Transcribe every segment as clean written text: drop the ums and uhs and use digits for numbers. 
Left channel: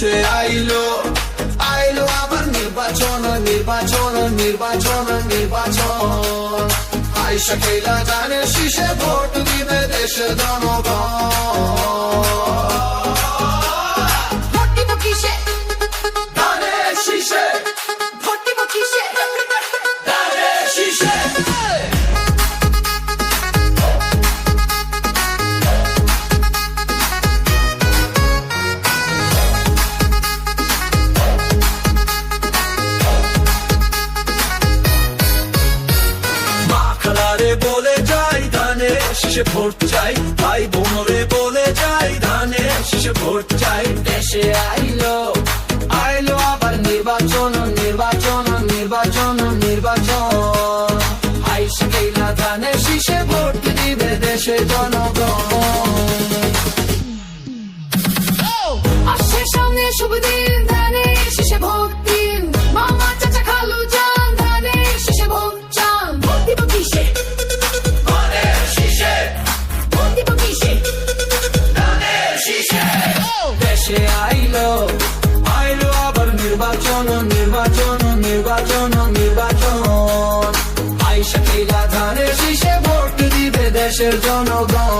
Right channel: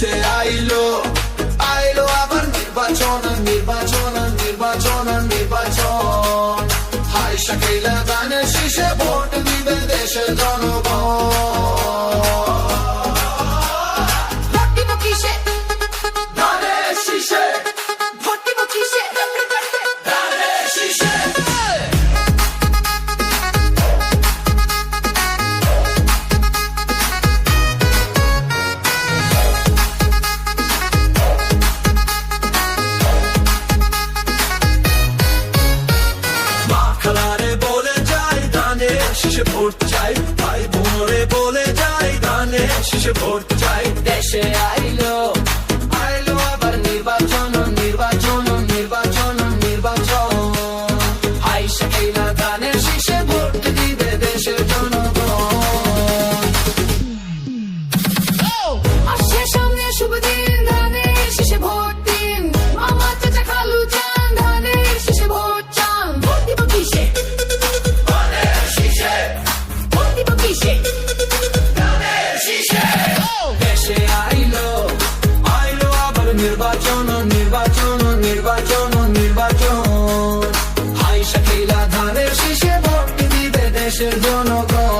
দেশে আইলো আইলো আবার নির্বাচন নির্বাচন নির্বাচন নির্বাচন হাই শাকিলা ধানের শীষে ভোট দিবে দেশের জনগণ ভোট দিব কিসে ধানের শীষে ভোট দিব কিসে ধানের শীষে ভোট চাই ভাই বোনরে বলে যাই ধানে শীষে ভোট চাই দেশে আইলো আইলো আবার নির্বাচন নির্বাচন নির্বাচন নির্বাচন হাই শাকিলা ধানের শীষে ভোট দিবে দেশের জনগণ আসছে সামনে শুভ দিন ধানের শীষে ভোট দিন মামা চাচা খালু যান ধানের শীষে ভোট চান ভোট দিব কিসে দেশে আইলো আইলো আবার নির্বাচন নির্বাচন নির্বাচন নির্বাচন হাই শাকিলা ধানের শীষে ভোট দিবে দেশের জনগণ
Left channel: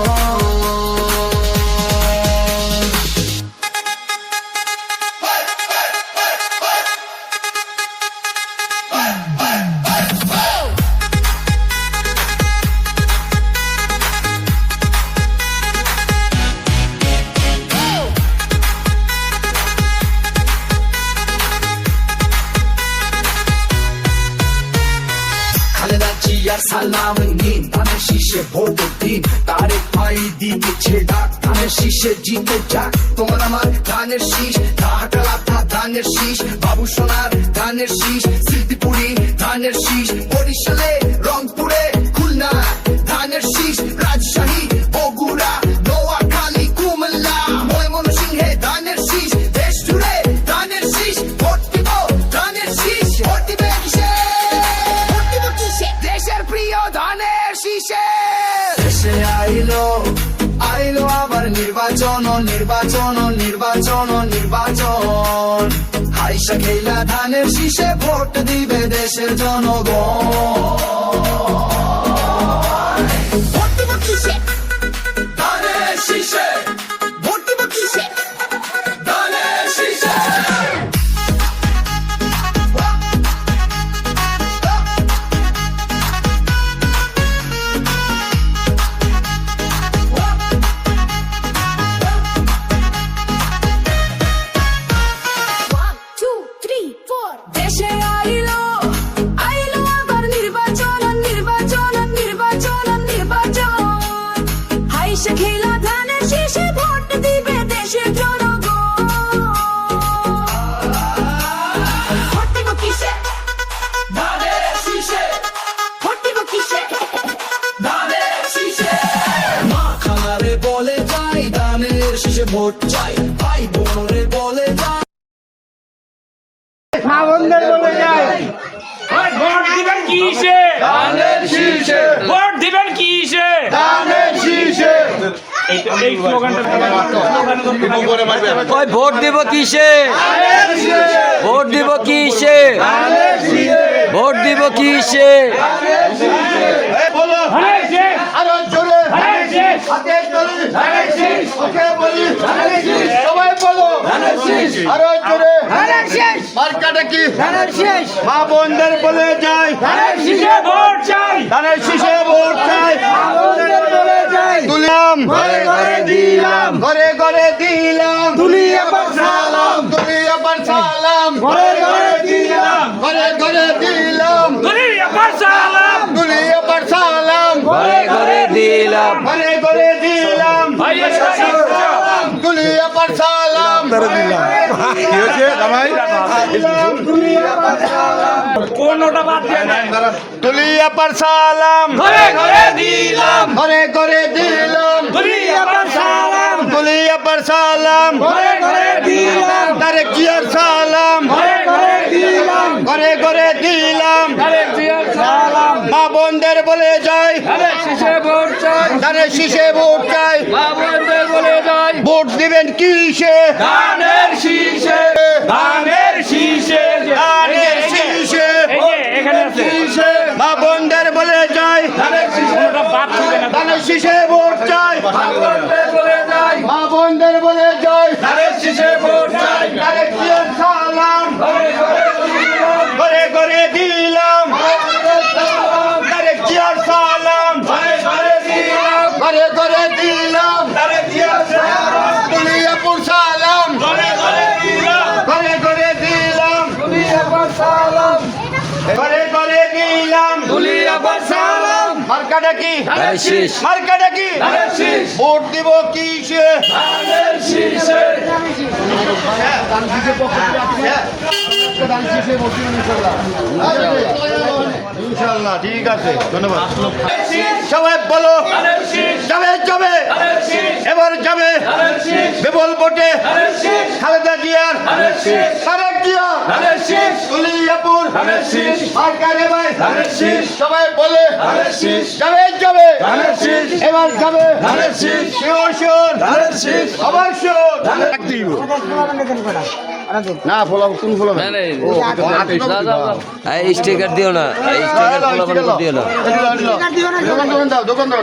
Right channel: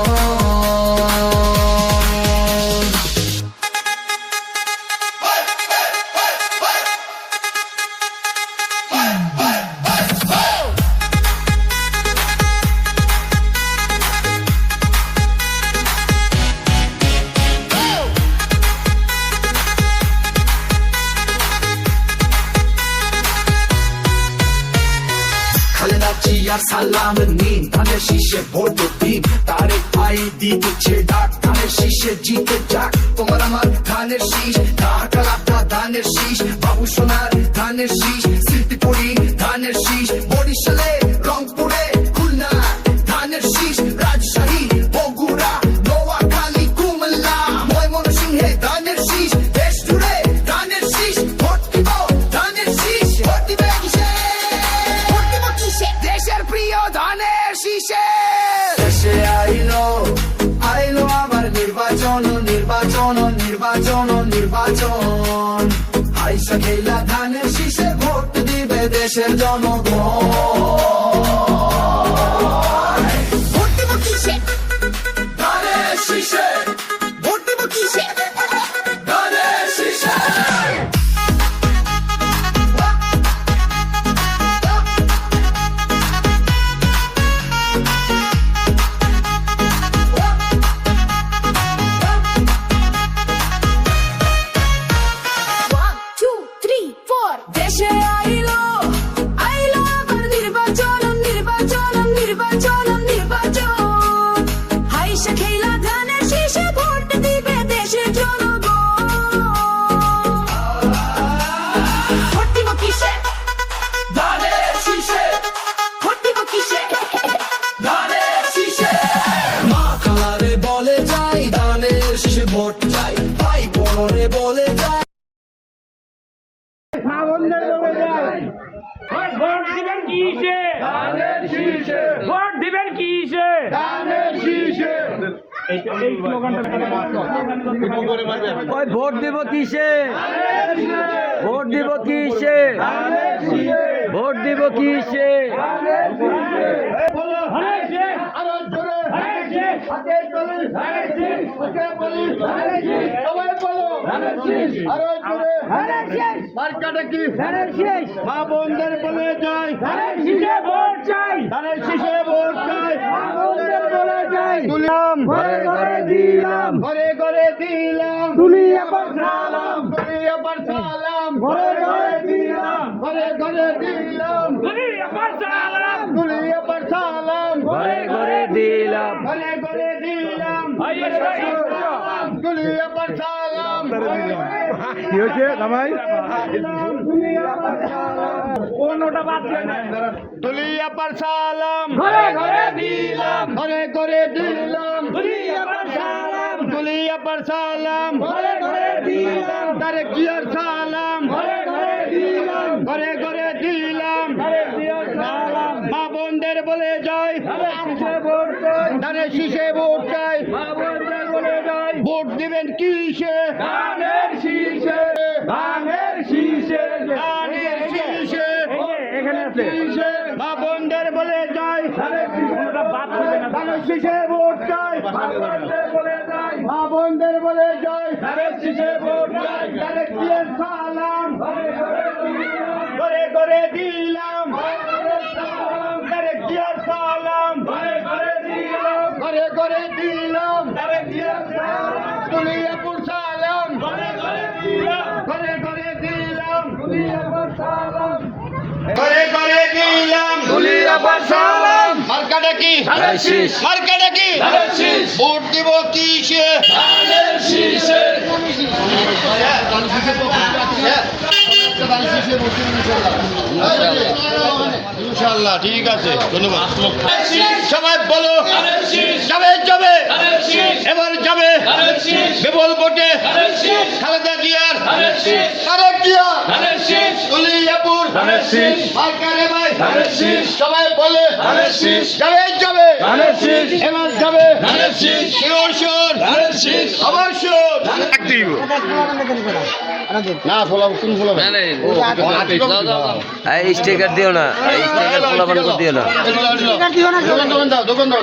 সালাম নিন ধানের শীষে ভোট দিন তারেক ভাই দিচ্ছে ডাক ধানের শীষে জিতে যাক তোমার আমার ধানের শীষ ঢাকা ধানের শীষ বাবু সোনার ধানের শীষ স্মৃতিপুরি ধানের শীষ বরিশালে রংপুরে খুলনা ধানের শীষ রাজশাহী বগুড়া নোয়াখালী কুমিল্লা ময়মনসিংহে ধানের শীষ দেশ জুড়ে ধানের শীষ ভোট দিব ধানের শীষ ভোট দিবে কিসে ভোট দিব কিসে দেশের প্রিয় ধানের শীষে দেশে আইলো আইলো আবার নির্বাচন নির্বাচন নির্বাচন নির্বাচন হাই শাকিলা ধানের শীষে ভোট দিবে দেশের জনগণ ভোট দিব কিসে ধানের শীষে ভোট দিব কিসে ধানের শীষে দেশে আইলো আইলো আবার নির্বাচন নির্বাচন নির্বাচন নির্বাচন হাই শাকিলা ধানের শীষে ভোট দিবে দেশের জনগণ ভোট দিব কিসে ধানের শীষে ভোট দিব কিসে ধানের শীষে মা খালারে বলে যাই ধানের শীষে ভোট চাই ভাই বোনরে বলে যাই মা বন্ধের বলে যায় ভোট দিবেন কিসে ধানের শীষে ভোট দিবেন কিসে ধানের শীষে এই স্লোগানটা ওই ভোট দিব কিসে ভোট দিব কিসে ভোট দিব কিসে বলো ধানের শীষ, আরো জোরে ধানের শীষ, হাতে তুলি ধানের শীষ, ওকে বলি সবাই বলো আরো জোরে মার্কাটা কি মা বোনদের বলে যায় ধানের শীষে ভোট চাই ধানের শীষে ভোট চাই তুলিলাম ঘরে ঘরে দিলাম ঘরে ঘরে দিলাম তুলিয়া পার সালাম ঘরে ঘরে দিলাম ঘরে ঘরে দিলাম দুনিয়া পার সালাম তুলিয়া পার সালাম ঘরে ঘরে দিলাম ঘরে ঘরে দিলাম ভাইয়া তুলিয়া পার সালাম কি হয়েছে জামাই? কোনটা বাদ দিয়ে নাই তুলিয়া পার সালাম ঘরে ঘরে দিলাম ঘরে ঘরে দিলাম দুনিয়া পার সালাম তুলিয়া পার সালাম ঘরে ঘরে দিলাম তারেক জিয়ার সালাম ঘরে ঘরে দিলাম ঘরে ঘরে দিলাম তারেক জিয়ার সালাম মা বোনদের বলে বলে যাই ধানের শীষে ভোট চাই ধানের শীষে ভোট চাই মা বোনদের বলে যাই ভোট দিবেন কিসে ধানের শীষে ধানের শীষে ধানের শীষে এখানে আছে শীষে মা বোনদের বলে যাই ধানের শীষে বাদ দিবে না ধানের শীষে ভোট চাই মা বোনদের বলে যাই মা বোনদের বলে যাই ধানের শীষে ভোট চাই তারেক জিয়ার সালাম ঘরে ঘরে দিলাম তারেক জিয়ার সালাম ঘরে ঘরে দিলাম দুলিয়াপুর সালাম ঘরে ঘরে দিলাম ঘরে ঘরে দিলাম দুলিয়াপুর সালাম মার্কাটা কি ধানের শীষ মার্কাটা কি ধানের শীষ ভোট দিব কিসে ধানের শীষে ইনশাআল্লাহ ঠিক আছে ধন্যবাদ সবাই বলো ধানের শীষ যাবে যাবে ধানের শীষ এবার যাবে ধানের শীষ বিপুল ভোটে ধানের শীষ খালেদা জিয়ার ধানের শীষ তারেক জিয়া ধানের শীষ দুলিয়াপুর ধানের শীষ মার্কারে ভাই ধানের শীষ সবাই বলে ধানের শীষ যাবে যাবে ধানের শীষ এবার যাবে ধানের শীষ শিওর শিওর ধানের শীষ অবশ্যই না ফলাম কোন ফলাম এই স্টিকার দিও না এই স্টিকার পোলাপান দিও না দোকান দাও দোকান দাও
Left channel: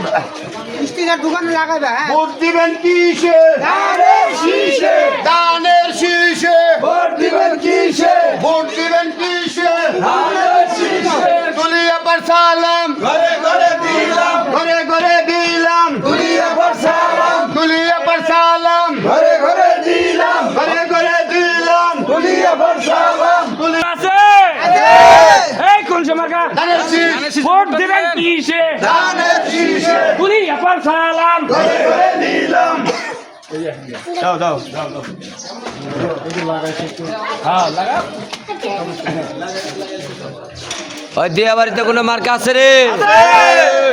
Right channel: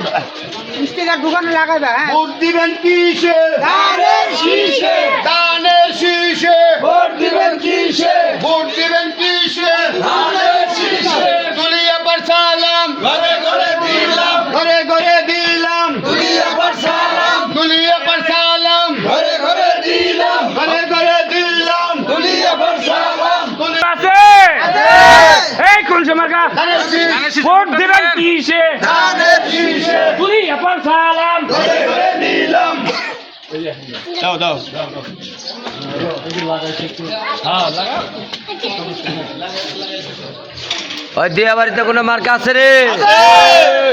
স্টিকার দোকানে লাগাবে হ্যাঁ ভোট দিবেন কিসে ধানের শীষে দানের শীষে ভোট দিবেন কিসে ভোট দিবেন কিসে ধানের শীষে দুলিয়াপুর সালাম ঘরে ঘরে দিলাম ঘরে ঘরে দিলাম দুলিয়াপুর সালাম দুলিয়াপুর সালাম ঘরে ঘরে দিলাম ঘরে ঘরে দিলাম দুলিয়াপুর সালাম আছে এই কোন সমাকা ধানের শীষ ভোট দিবেন কিসে ধানের শীষে দুলিয়াপুর সালাম ঘরে ঘরে দিলাম দাও দাও হ্যাঁ লাগা ওই দিয়া বাড়িতে কোনো মার্কা আছে রে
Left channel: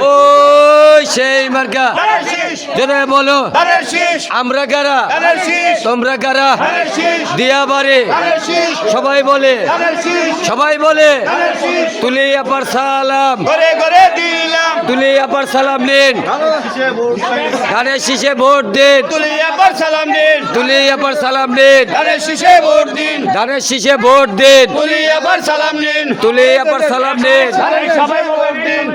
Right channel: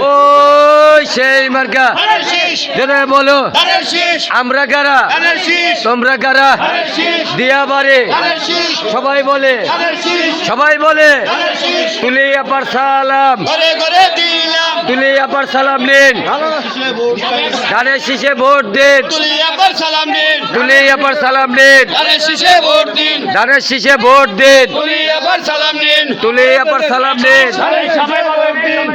ওই সেই মার্কা ধানের শীষ যেটা বলো ধানের শীষ আমরা কারা ধানের শীষ তোমরা কারা ধানের শীষ দিয়া বাড়ি ধানের শীষ সবাই বলে ধানের শীষ সবাই বলে ধানের শীষ তুলিয়াপার সালাম ঘরে ঘরে দিলাম তুলিয়াপার সালাম নিন ধানের শীষে ভোট দিন দুলিয়াপুর সালাম দিন তুলিয়াপার সালাম নিন ধানের শীষে ভোট দিন ধানের শীষে ভোট দিন দুলিয়াপুর সালাম দিন তুলিয়াপার সালাম নিন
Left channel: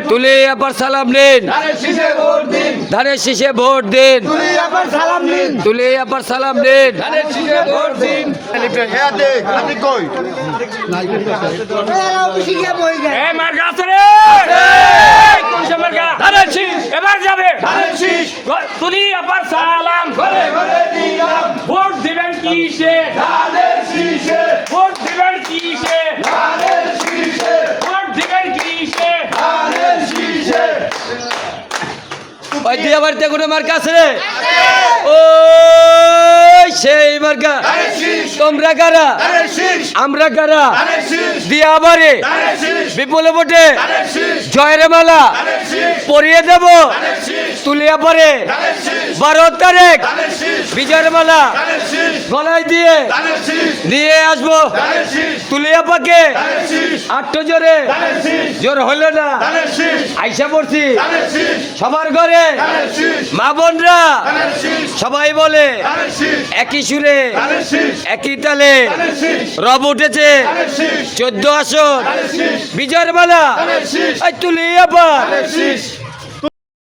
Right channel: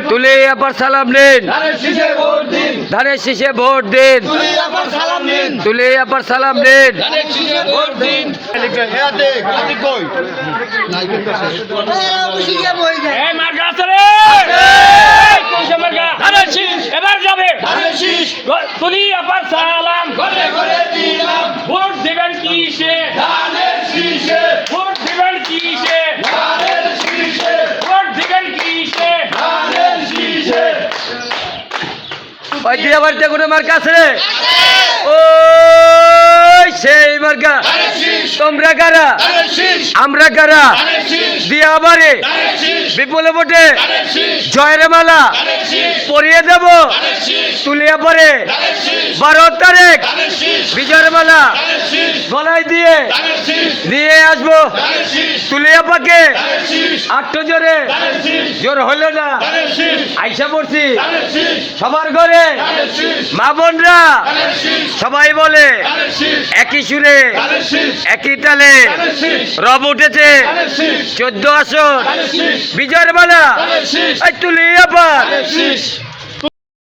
তুলিয়াপার সালাম নিন ধানের শীষে ভোট দিন ধানের শীষে ভোট দিন দুলিয়াপুর সালাম দিন তুলিয়াপার সালাম নিন ধানের শীষে ভোট দিন হ্যাঁ দেখ আপনি কই শিখে বই যায় এই মার্কা আছে রে এই কোন সমাকা ধানের শীষ এবার যাবে ধানের শীষ দুলিয়াপুর সালাম ঘরে ঘরে দিলাম ভোট দিবেন কিসে ধানের শীষে ভোট দিবেন কিসে ধানের শীষে ভোট দিবেন কিসে ধানের শীষে ওই দিয়া বাড়িতে কোনো মার্কা আছে রে ওই সেই মার্কা ধানের শীষ তোমরা কারা ধানের শীষ আমরা কারা ধানের শীষ দিয়া বাড়ি ধানের শীষ বিপুলে ভোটে ধানের শীষ জয়ের মালা ধানের শীষ পরিয়ে দেব ধানের শীষ তুলিয়া পরে ধানের শীষ 12 তারিখ ধানের শীষ বিজয়ের মালা ধানের শীষ গলায় দিয়ে ধানের শীষ দিয়ে আসবো ধানের শীষ তুলিয়া পাকে ধানের শীষ আটটো জোরে ধানের শীষ জোর হইল না ধানের শীষ আইসা পড়ছি ধানের শীষ সবার ঘরে ধানের শীষ মা বোনরা ধানের শীষ সবাই বলে ধানের শীষ একই সুরে ধানের শীষ একই তালে ধানের শীষ রব উঠেছে ধানের শীষ 14 আসন ধানের শীষ বিজয়ের মালা ধানের শীষ এই তুলিয়া পা ধানের শীষ